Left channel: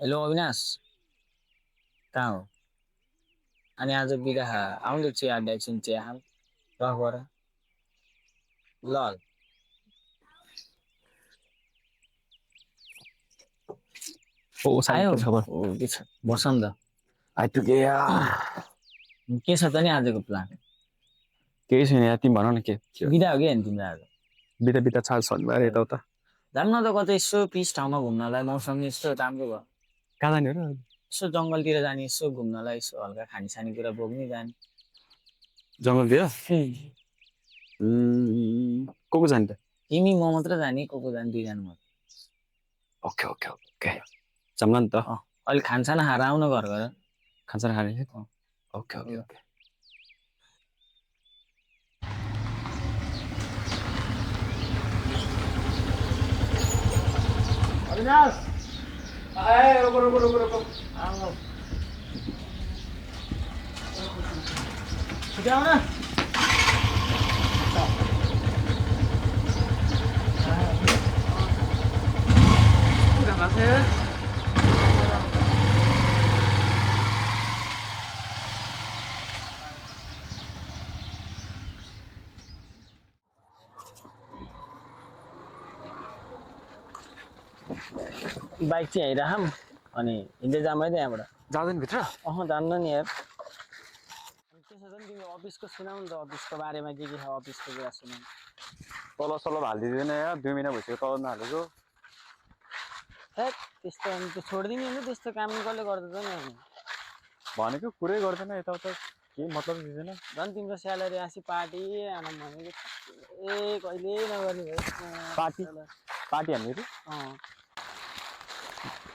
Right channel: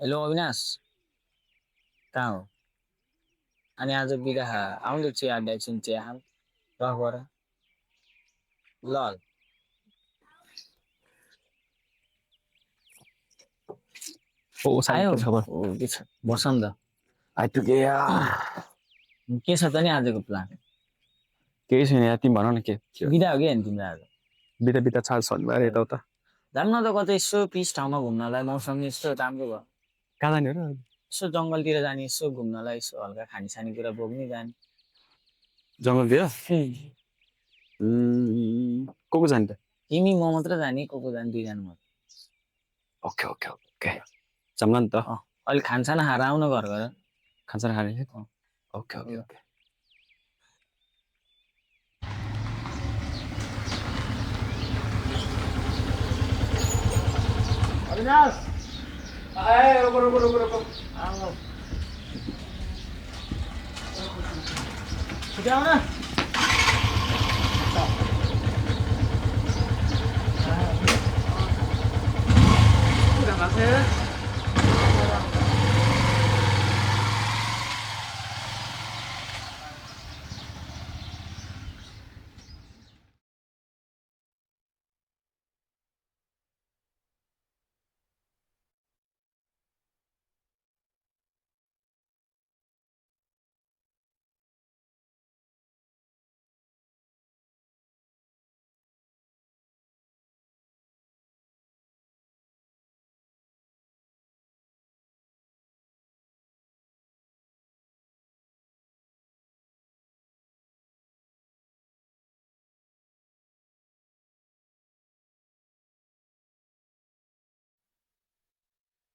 Hello Avinash, कहाँ हो? अनि आज बिरहा आउँदै चिया अड्डा एकछिन चिया खाऊँ रफबाट। ल ओ साथी आयो। के खबर ओ के छ बस न त। आइपुगे के छ त नि आजको प्लान? केही छैन यार तिमी भन न के बिदा हो कि होइन तिम्रो आज? बिदा बिदा छ शनिबार यताउता जाऊँ न त कतै यसो पिस ठाउँमा घुम्नलाई, मौसम यस्तो राम्रो भयो। कहाँ जाने हो र यसो जङ्गलतिर जाने, यसो घुम्नलाई, यसो हल्का खाने कुरा बोक्ने जाने। जङ्गलतिर को जाने त तिमी म मात्र जाने, को जाने, दुईजना मात्र। ओके ओके ओके जम्ला नि त अलिक खानसाना खाएर आउन घर गएर। खान्छ खाने ओके ओके ओके अविनाश आए रुको रुको रुको रुको आओ छिटो आउन। बाइक चाहिँ हिँडिराखौँ अनि हिँड्दै जाऊँ है त यहाँबाट। जाँदैन भित्र जान्न नि यार। त्यसो भने तिमी अफिसको सुनाऊ नि त, अफिसको बारेमा के छ, अफिसको कुरा सुनाऊ। तल सल हालिदिँदैन यार 2 महिना भइसक्यो तल नहालेको हेट त्यस्तो अनि त्यो छोडिदिने नि, त्यस्तो काम कसले गर्छ त नि? अनि भनेको कुरै गर्दैन यताउता केही मतलब दिँदैन। झन् तिम्रो स्यालेरी आसी पार्टी आनम भनेको कहिले नगर्ने भयो पार्टी पार्टी हामीहरू अँ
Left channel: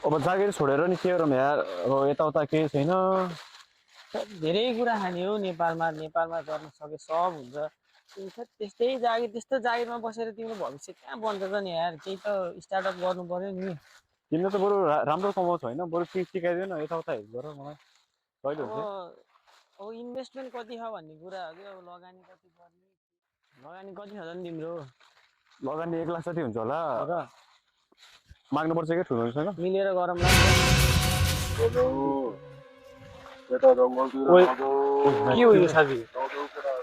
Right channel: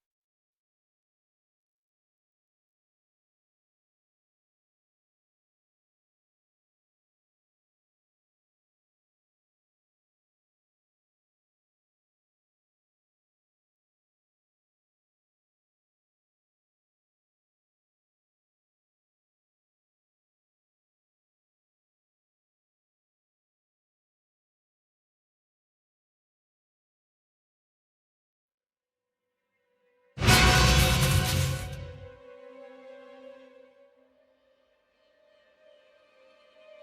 अब जागिर छोडेर नि के गरौँ यार अब यताउता केही छैन धेरै कुरा खाने हो नेपालमा। नेपालमा गर्न सके सब हुन्छ। त्यस्तै जागिर, त्यस्तो जागिरमा बसेर तिम्रो भविष्य कहाँ बन्छ त नि यार? केही त स्टार्टअप गर्नु पर्यो नि। तिमीले त बरु राम्रो कमाउँछ होइन बरु केही सिकाइदिएन यताउता हेल्प गर मलाई कहिले हुन्छ अब इन्भेस्टमेन्ट कति छ भन्ने कुरा हो कि। अब लगानी कति गर्ने, लगानी कति छ त नि तिम्रो? लगानी 1 लाख जति हुन्छ होला र माग्नुपर्छ क्या ठुलोसँग मिलेर गरौँ ल। के हो यो साथी?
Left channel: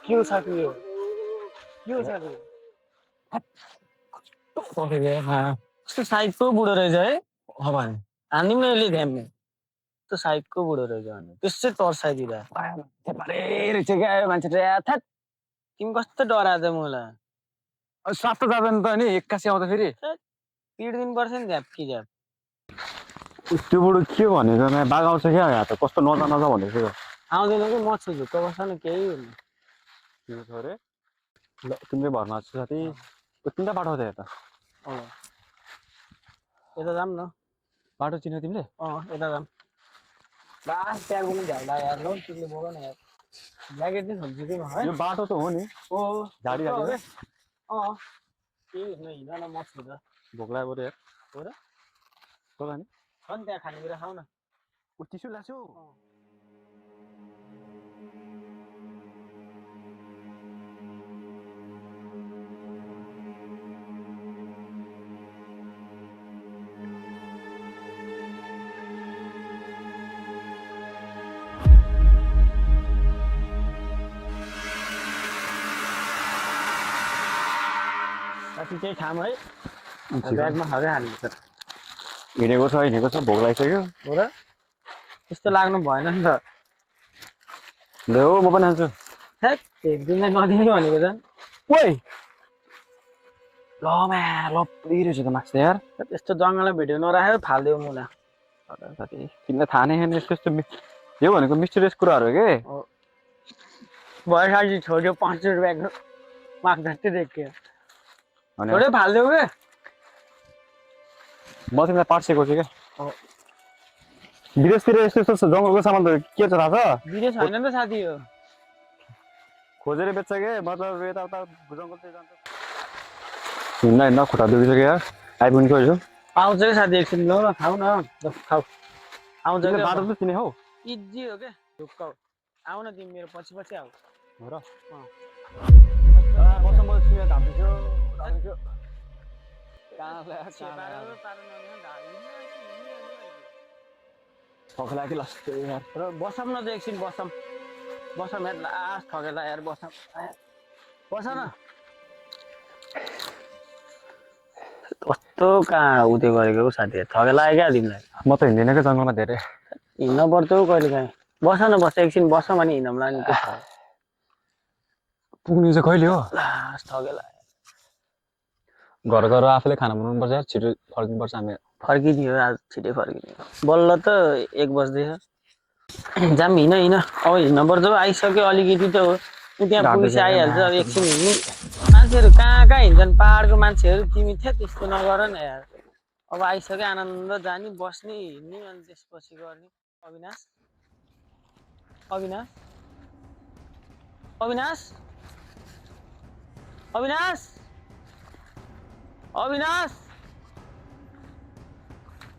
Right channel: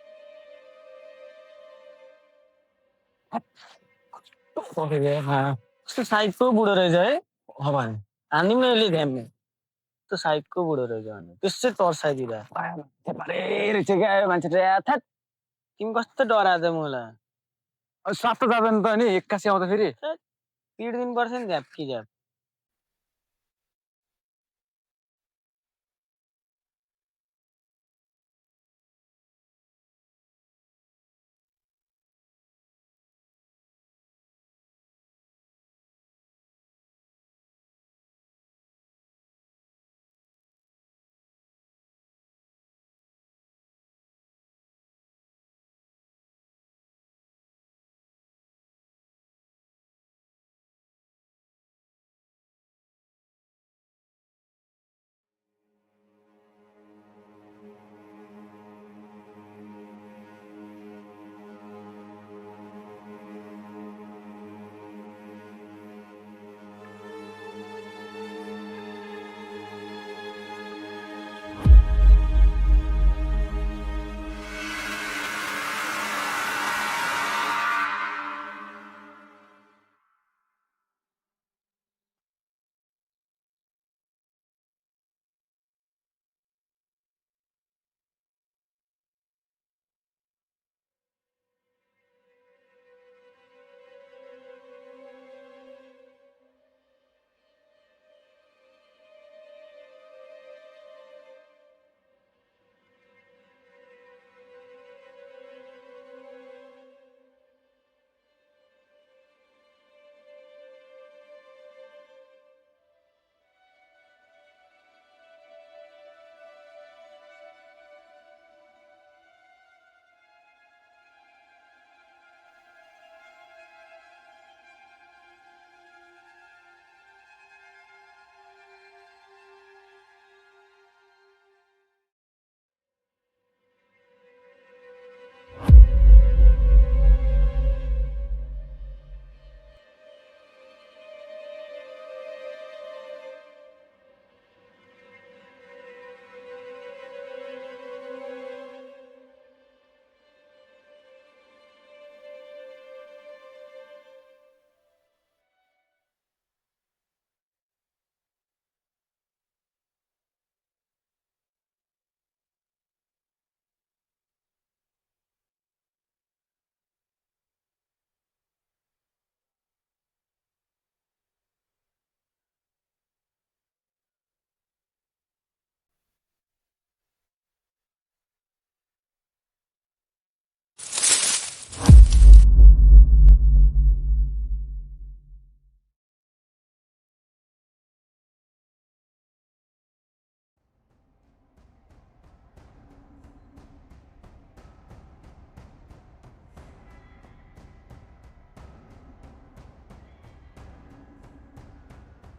के हो साथी? यो के हो साथी? कस्तो साइडको बुढो रहेछ है? हान्दिउँ न यसले ध्यानमा। त्यो साइडको बुढो रहेछ भने त्यसै तर्साइदिँदा रहेछ क्या मान्छे थ्याट तिमी कस्तो डराएछ मलाई? साफ त जाँदैन त नि 81 आउँदा फेरि पिट दिनु पर्छ नि झ्याप कि झ्याप। त्यो बुढो के भनेको बाघ आउँछ क्या यहाँ त कस्तो नजा नजा भनेको थियो आउँदैन कि म छु झुक्क बस्छ न केही हुन्न। तिम्रो छ अरे ल तिमीले भर्ना छ साथी तिमीलाई बाटो त यता यता जाऊँ न। बाटो चिन्यो तिमीले यता जाऊँ। लास्ट त्यहाँ पनि झ्याल्दा यार ल तिमीले बोल न यार। ज्याकेट चाहिँ छोड्छु कि है यो बाटो त हो नि झाडी झाडी केही हुन्न, हिँड न, म छु त। भोक लाग्यो बरु यार हो र? हो नि छ नि त्यहाँ खानेकुरा खाऊ न। चिसो लाग्छ कति चाहिँ खाऊँ है? ब्यागमा खाँदै हाल्नु हिँडेको छ भोक लागिसक्यो हो र? त्यस्तो लाग्नु भएन नि त। ले हो म पनि हाल्छु हेट एकदिनलाई नदिनु भनेको झन्। ओइ ल म्या ल रहेछ त माक्स यार त्यस्तो जङ्गलमा भिडियो नराखेर फालिदियो मुला। साथी तिमीलाई थाहा नै छैन यस्तो यस्तो यो भनेको मिस्टेरियस कुराहरू हो के भइसकेपछि छोड्यो 500 रुपियाँको माग जस्तै देखियो छोड्यो फालिदियो के। म तिमीलाई पार्ट सिकाउँछु क्या विदेशतिर यस्तो यस्तो जङ्गलको सामान त के छ थाहा छ? विदेश होइन नि त साथी हो। खोजेर बेच्छ के मतलब यताउता जङ्गल चाहिँ जान्छ हिँड्दा हिँड्दा खुट्टा दुखिसक्यो यार आइपुग्नु खोज्यो आउँछ कि साथी एकछिन ल ल खाऊ न खाऊ आउँछ कि बाटो त चिने हौ इजी हो क्या ढुक्क आऊ न तिमी मेरो पछि पछि आऊ हो र ठगेला कि लास्ट यार र बसौँ न त एकछिन बसौँ यार लास्ट ठगेला यार बसौँ बस न कस्तो कहाँ उयो गरेको हौ साथी ठगेला आयो क्या तिमीलाई म त हिँड्दिनँ क्या जङ्गलमा धेरै हिँड्न पर्छ हौ कहिले काहीँ बस एकछिन बसौँ अनि हिँडौँला नि के छ पुग्नु चाहिँ कहिले हो लास्ट ठगेला घर गएर आफूले खाना बनाउनुपर्छ यार छिटो फर्किनुपर्छ हामी फर्किदियो आज छिटै फर्किदियो बल्ल त 1 बज्दैछ जाम हिँड अब हिँड्न पर्छ हौ आइसक्यो अलिकति त हो त्यहाँ ढाड पुगिसि दुखेको आइहाल्छ अब मासु एकछिन हिँड्नु मान्छेहरू कहाँ कहाँ हिँड्छन् पाहाडको मान्छेहरू तिमी थिए त्यस्तो नगर न यार अब आइसक्यो आनन्द जाने बस्ने हिँड्ने अनि त्यसपछि गर्ने अविनाश अविनाश अविनाश अविनाश अविनाश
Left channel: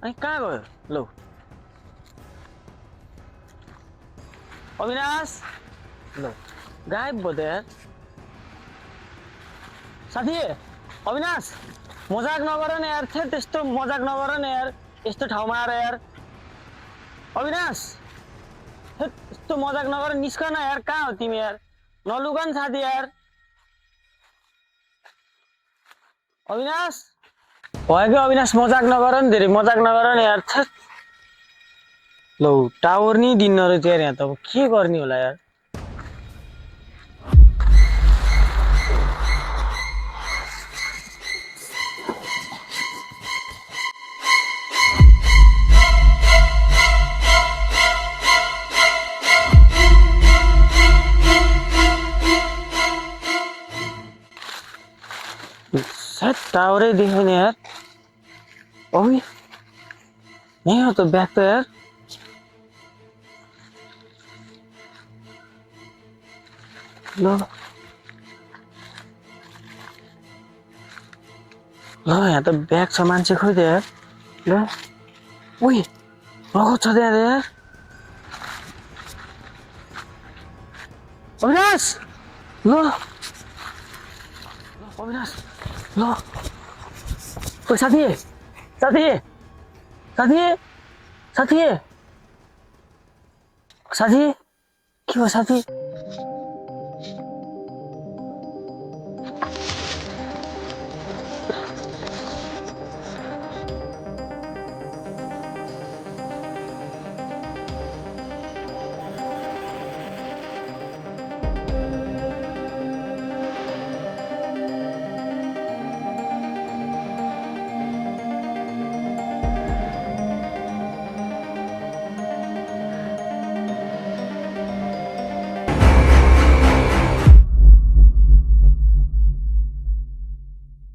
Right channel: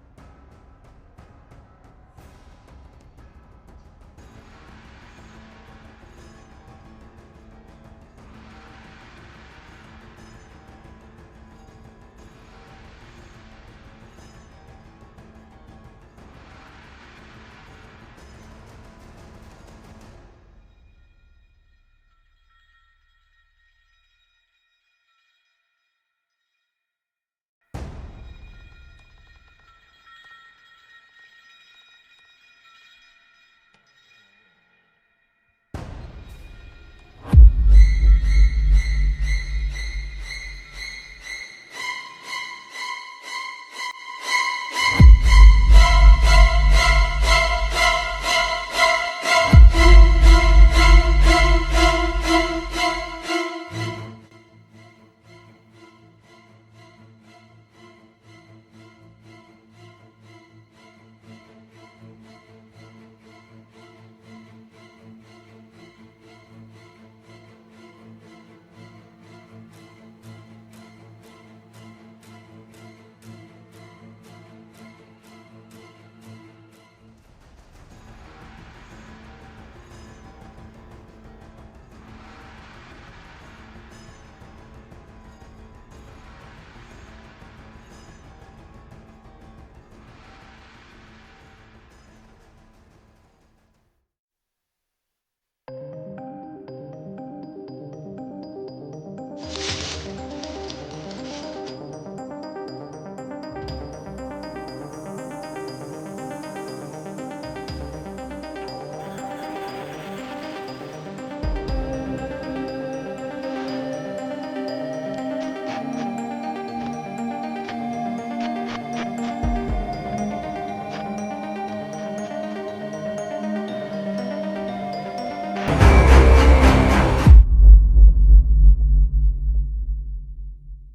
अनि कहाँ गयो लौ अविनाश लौ गायब भयो त यार साथी अविनाश मजाक नगर न यार त्यस्तो मजाक नगर न यार यस्तो ठाउँमा आएर यार अविनाश यस्तो मजाक नगर निस्क न यार कहाँ हो तिमी यार नलुक न साथी यार अविनाश भयो कि अविनाश मजाक नगर नि धेरै मजाक नगर न यार लौ टावर नि दिन्न रहेछ यार यहाँ त अब के गर्ने होला यार सायद टावरै देखेन यार ओइ यही हो त ब्याग त यार ल यहाँ त ब्याग छ मान्छे खोइ त यार ल उइ रगत छ त्यहाँ यार अविनाश ल अविनाश ल ओइ साथी साथी साथी साथी साथी के हो साथी